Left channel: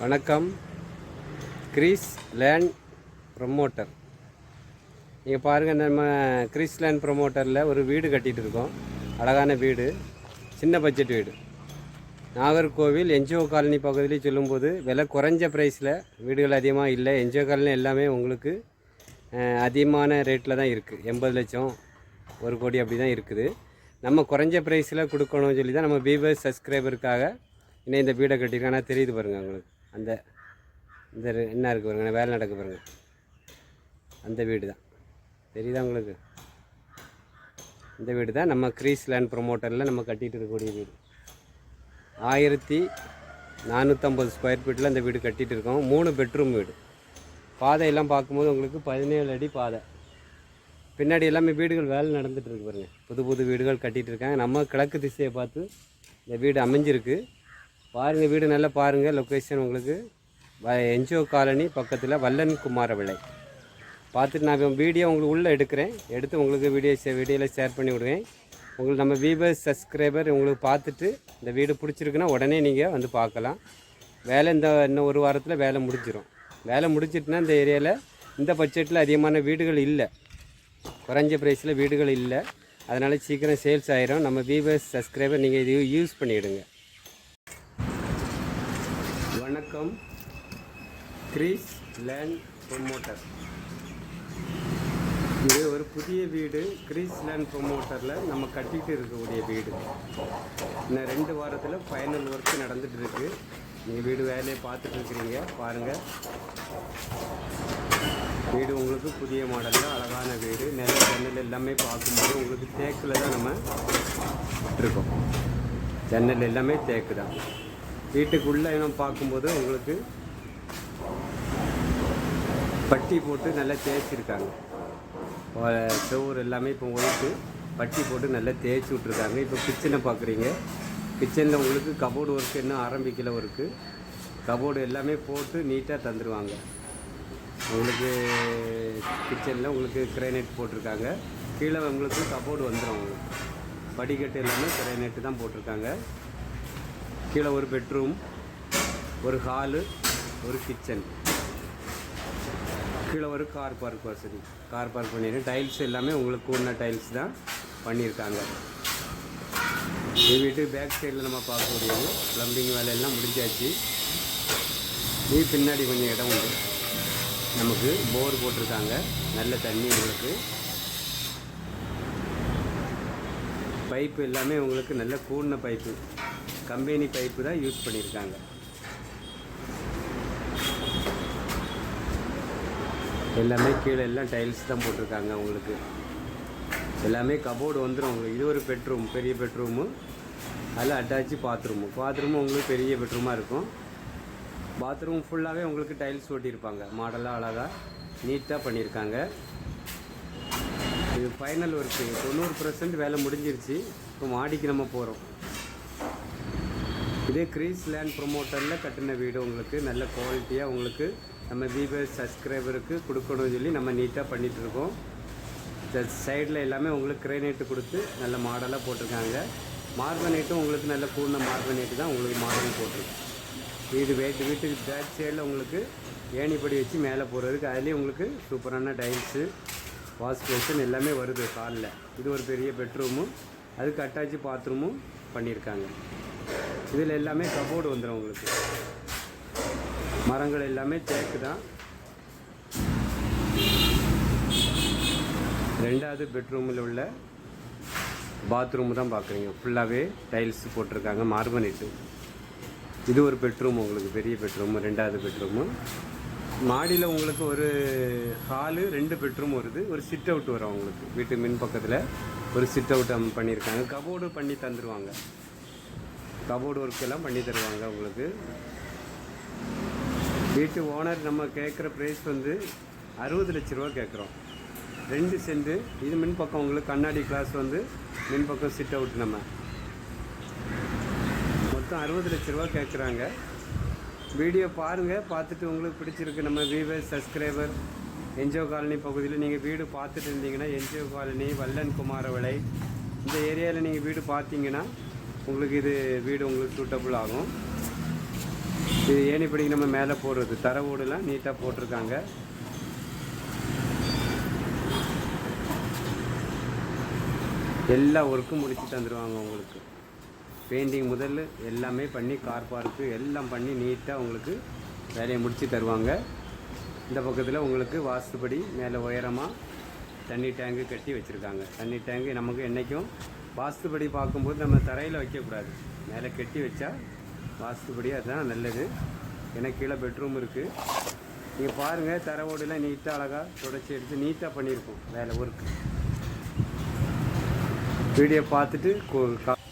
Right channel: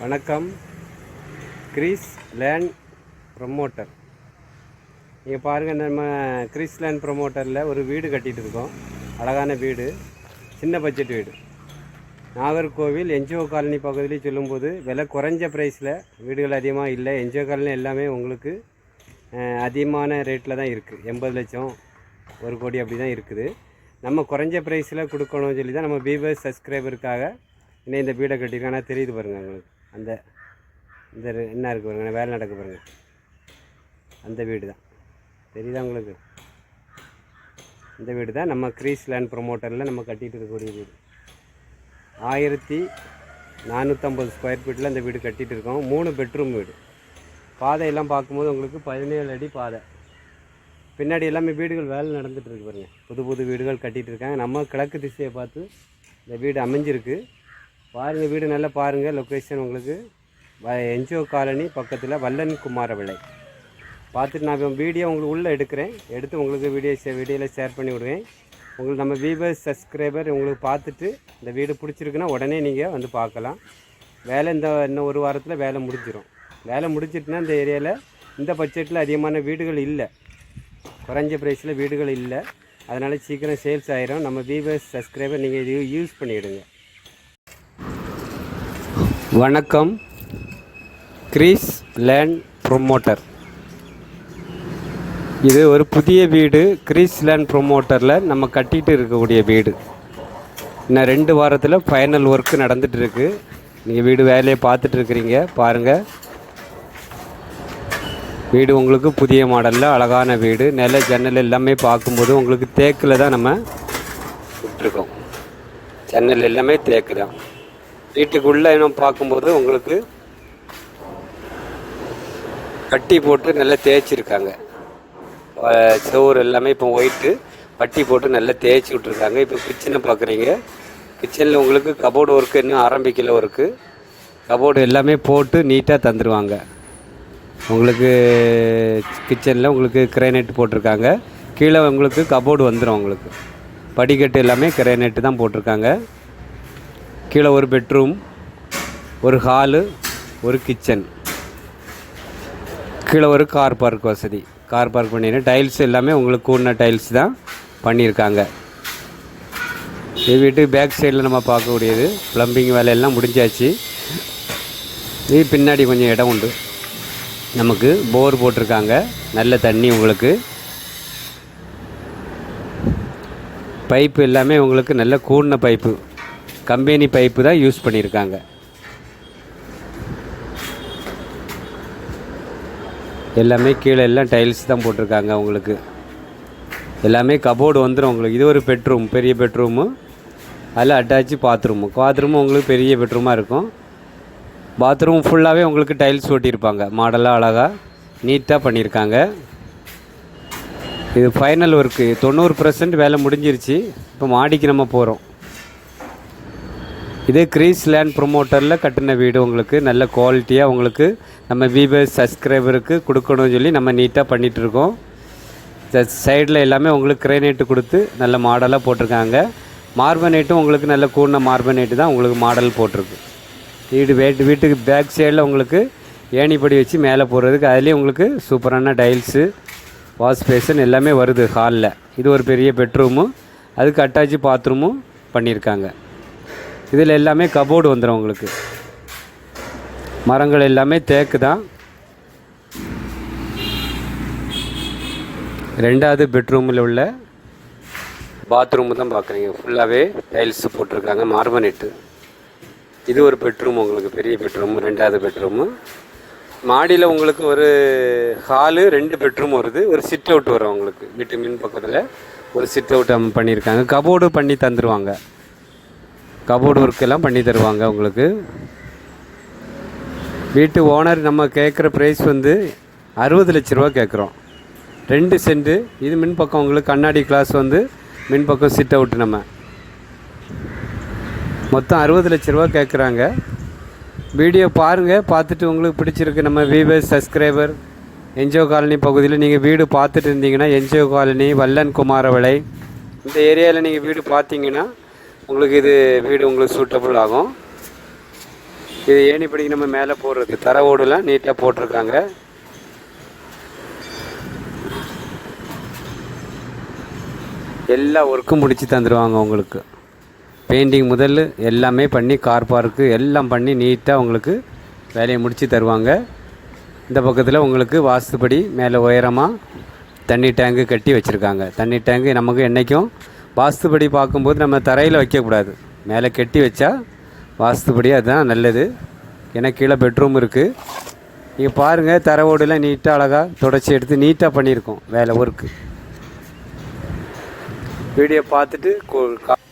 வணக்கம். Greece land promoter. நீங்கள் பாருங்கள், நம்ம கிரீஸ் லேண்ட் ப்ரொமோட்டரில் ஒரு வீடு கட்டிகிட்டு இருக்கோம். அழகான வீடு, சின்ன பட்ஜெட் வீடு. நாகர்கோவில் என்ஜிஓ காலனி பகுதியில் சொல்லும்போது விலை குறைஞ்ச ப்ரைஸில் வீடுகள் அதிகமாக இல்லை. என்ஜிஓ காலனி எல்லாமே உங்களுக்கு அதிகமான ரேட்டில் தான் இருக்குது. 80 லட்சம் 1 கோடி அப்படி தான் இருக்குது. நம்ம குறைஞ்ச ப்ரைஸில் கொடுக்கணும்னு சொல்லி தான் நம்ம வியூவர்ஸ் சப்ஸ்கிரைபருக்காக இன்னும் இந்த வீடை கட்டியிருக்கோம். ஆனால் தெரியுது பாருங்கள் உங்களுக்கு, அந்த இந்த என்ன இருக்குது பாருங்கள், வேலை நடக்க பாருங்கள். அந்த வீடு தான் தெரியுதா உங்களுக்கு? இந்த வீடு தான் நம்ம கிரீஸ் லேண்ட் ப்ரொமோட்டரில் நம்ம கட்டிகிட்டு இருக்கக்கூடிய வீடு. 1450 ஸ்கொயர் ஃபீட்டில் அந்த வீடு கட்டிகிட்டு இருக்கோம். 3 பெட்ரூம் வீடு. பாதையெல்லாம் பார்க்கும்போது உங்களுக்கு 17 அடி பாதை. பின்னாடி எல்லாமே வீடுகள் வேலை நடந்துகிட்ருக்கு பாருங்கள். புது வீடுகள் கட்டிகிட்டு இருக்காங்க. நம்ம கிழக்கு திசையை பார்த்து இந்த வீடு அமைஞ்சிருக்கு. பாருங்கள், வீடு நல்லா பாருங்கள். லொக்கேஷன் உங்களுக்கு என்ஜிஓ காலனி பக்கத்தில் வல்லன் குமார விளை. பார்த்துட்டு நான் வீடியோ உங்களுக்கு உள்ளே எடுத்து உங்களுக்கு வீடியோவில் ஷேர் பண்ணி விடுவேன். உங்களுக்கு நம்ம வியூவர்ஸ் சப்ஸ்கிரைபர் உங்களுக்கு பார்த்துட்டு இந்த வீடு பிடிச்சிருக்குன்னா உடனே நீங்கள் வந்து பார்க்கலாம். வேலை இன்னும் 1 வாரத்தில் வேலை முடிஞ்சிடும். வேலை முடிச்சிட்டுனா இந்த ஏரியாவில் இந்த பட்ஜெட்டில் அதிகமான வீடுகள் இல்லை, குறைஞ்ச ப்ரைஸில் வீடுகள் இல்லை. அதனால் சீக்கிரம் சேல்ஸ் ஆகிரும். நம்ம வியூவர்ஸ் சப்ஸ்கிரைபர் நீங்கள் இது யூஸ் பண்ணிவிடுங்க. வணக்கம். Greece land promoter. இது ஒரு புதிய வீடு. கிரீஸ் லேண்ட் ப்ரொமோட்டரில் நம்ம கட்டிகிட்டு இருக்கக்கூடிய வீடு. இன்னும் 2 வாரத்தில் ஃபைனல் ஒர்க்கு நடந்துகிட்ருக்கு. நீங்கள் வீடு வேலையை பார்த்துட்டு இருக்கிறீங்க பாருங்கள். வீடு உங்களுக்கு புதிய மாடலில் அழகான வீடு. நில ஜன்னல் எல்லாமே பார்க்கும்போது உங்களுக்கு தேக்கில் தான் நம்ம விட்டுருக்கோம். ஜன்னல் எல்லாமே தேக்கு தான். வீட்டுக்குள்ளே இன்னும் பார்க்கும்போது உங்களுக்கு பட்டி போட்டு நல்லா தேய்ச்சிருக்காங்க. சோறு எல்லாமே இப்போ ஒயிட்டு பட்டி போட்டு நல்லா தேய்ச்சி விட்ருக்காங்க. இப்போ கிச்சனை பார்க்குறீங்க. கிச்சனில் உங்களுக்கு கபோர்டு ஒர்க்கு இன்னும் ஆரம்பிக்கல. ஒர்க்கு கபோர்டு எல்லாமே போட்டு நீட்டாக தந்துடுவாங்க. உங்களுக்கு கிச்சனில் உங்களுக்கு கிரானைட் போட்டிருக்காங்க. கீழே உங்களுக்கு கபோர்டு வந்துடும். உங்களுக்கு படிக்கட்டு எல்லாமே கிரானைட்டு தான் போட்டிருக்காங்க. கீழே ஒரு பெட்ரூம், ஒரு ஹாலு, ஒரு கிச்சன், கீழே ஒரு கார் பார்க் வசதி. கார் பார்க் பண்ணிடுறேன். டைல்ஸ் எல்லாமே உங்களுக்கு கூடின டைல்ஸ் தான் பண்ணியிருக்காங்க. இது வீட்டுக்கு பேக் சைடில் நம்ம பார்க்கக்கூடியது. ப்ளம்பிங் வேலையெல்லாம் முடிஞ்சாச்சு. இது பின்னாடி கொஞ்சம் இடம் உண்டு. நமக்கு போர் போட்டிருக்காங்க. நல்ல தண்ணி உங்களுக்கு. பைப்பு எல்லாமே உங்களுக்கு நல்ல கூடின பைப்பு, கம்பெனி பைப்பு தான் யூஸ் பண்ணியிருக்காங்க. எல்லாமே கீழே எல்லாம் டைல்ஸ் தான் போட்டிருக்காங்க. உங்களுக்கு எல்லாமே கபோர்டு வந்துடும். உங்களுக்கு இது ஒரு பெட்ரூம், பெரிய பெட்ரூமு. அதில் அட்டாச்சு பாத்ரூமும் உங்களுக்கு பெரிய பெட்ரூமாக இருக்கும். பாத்ரூம் ஃபுல்லாகவே உங்களுக்கு டைல்ஸ் ஓட்டியிருப்பாங்க. மாடலாக அழகாக நீட்டாக பண்ணியிருக்காங்க. இது ஃபைனல் ஒர்க்கு 90% வேலை முடிஞ்சிருச்சு. இப்போ மாடிக்கு நம்ம போகிறோம். இது கிரீஸ் லேண்ட் ப்ரொமோட்டரில் கட்டின வீடு. உங்களுக்கு நல்ல குவாலிட்டியாக உங்களுக்கு நம்ம வியூவர்ஸ் சப்ஸ்கிரைபருக்கு கொடுக்கணும்னு சொல்லி நம்ம நீட்டாக பண்ணிகிட்ருக்கோம். சைடில் எல்லாமே உங்களுக்கு கிரானைட்டு கொடுத்து நல்ல மாடலாக போட்டிருக்காங்க. மார்பனேட்டும் உங்களுக்கு நல்ல கூடின மார்பனேட்டு தான் உங்களுக்கு மாடல் போட்டிருக்கு. வீட்டுக்கு பேக் சைடில் உங்களுக்கு ஏணிப்படி வச்சு மேலே போகிறதுக்கு அதுலேயும் உங்களுக்கு சூப்பரான டைல்ஸு, வாஷ் பேஷன் எல்லாமே வருது ஹாலில். இது ஒரு பெரிய பெட்ரூமு, அதுக்கு அட்டாச்சு பாத்ரூமும் பண்ணியிருக்காங்க. இதில் எல்லாமே கபோர்டு வந்துடும் உங்களுக்கு. மரங்கள் எல்லாமே தேக்கு தான். 2வது பெட்ரூமில் உள்ள பாத்ரூமு தான் பார்க்குறீங்க. ஃபுல்லாகவே டைல்ஸு போட்டிருக்காங்க, மார்பனேட்டு. இது ஒரு பெட்ரூம் உங்களுக்கு, பெரிய பெட்ரூமு, 2வது பெட்ரூமு. மாடியில் உங்களுக்கு ஒரு ஹாலு, 2 பெட்ரூம் வருது. ஒரு சிட் அவுட் வரும் உங்களுக்கு. வீட்டு மின் பக்கத்தில் ஒரு சிட் அவுட் பண்ணியிருக்காங்க. கபோர்டு பண்ணி தந்துடுவாங்க. கபோர்டு ஒர்க்கெல்லாம் பண்ணி தருவாங்க உங்களுக்கு. வீட்டு ஓனர் நம்ம கேட்குற ப்ரைஸ் வந்து 60 லட்ச ரூபா கேட்குறோம். 2 சென்ட்டு. இது மின்பக்கம் உங்களுக்கு கண்ணாடி கிளாஸ் வந்து மின்பக்கம் சிட் அவுட்டு. நம்ம மொத்தம் 60 லட்ச ரூபா கேட்குறாங்க. வீடியோ பாருங்கள். பார்த்துட்டு உங்களுக்கு பிடிச்சிருக்கு. நம்ம வியூவர்ஸ் சப்ஸ்கிரைபர் என்ஜிஓ காலனி பகுதியில் நீங்கள் வீடு பார்த்துட்டு இருந்தீங்கன்னா, என்ஜிஓ காலனி, வல்லன் குமார விளை, இந்த ஏரியாவில் நீங்கள் வீடு பார்த்தீங்கன்னா உங்களுக்கு இது வீடு உங்களுக்கு சூட்டபுள் ஆகும். இது ஏணிப்படிக்கு நம்ம மேலே போடுறது தர ஓடுலாம் நீட்டாக போட்டிருக்காங்க. எல்லா ஒர்க்கும் முடித்து தந்துடுவாங்க உங்களுக்கு. பெயிண்டிங் முதல் எல்லாமே பண்ணி கார் பார்க்கு எல்லாம் பண்ணி நீட்டாக உங்களுக்கு வேலையை முடித்து தருவாங்க. இந்த பக்கத்தில் உங்களுக்கு வாஸ்துப்படி மேலே உயரமாக தண்ணி டேங்கு கட்டி வச்சுருக்காங்க. தண்ணி டேங்கு நமக்கு என்றைக்கும் வாஸ்துப்படி பார்க்கும்போது நம்ம தரையில் வைக்கக்கூடாது, மேலே கட்டி வச்சா வாஸ்துப்படி அதுதான் நல்லது. ஏன்னா கீழே பெட்ரூம் இருக்குது. நீங்கள் பாருங்கள், தர ஓடுலாம் நீட்டாக அழகாக தொடச்சி எடுத்து நீட்டாக பண்ணியிருக்கோம் வேலை ஒர்க்கு. வீடியோ பார்த்துட்டு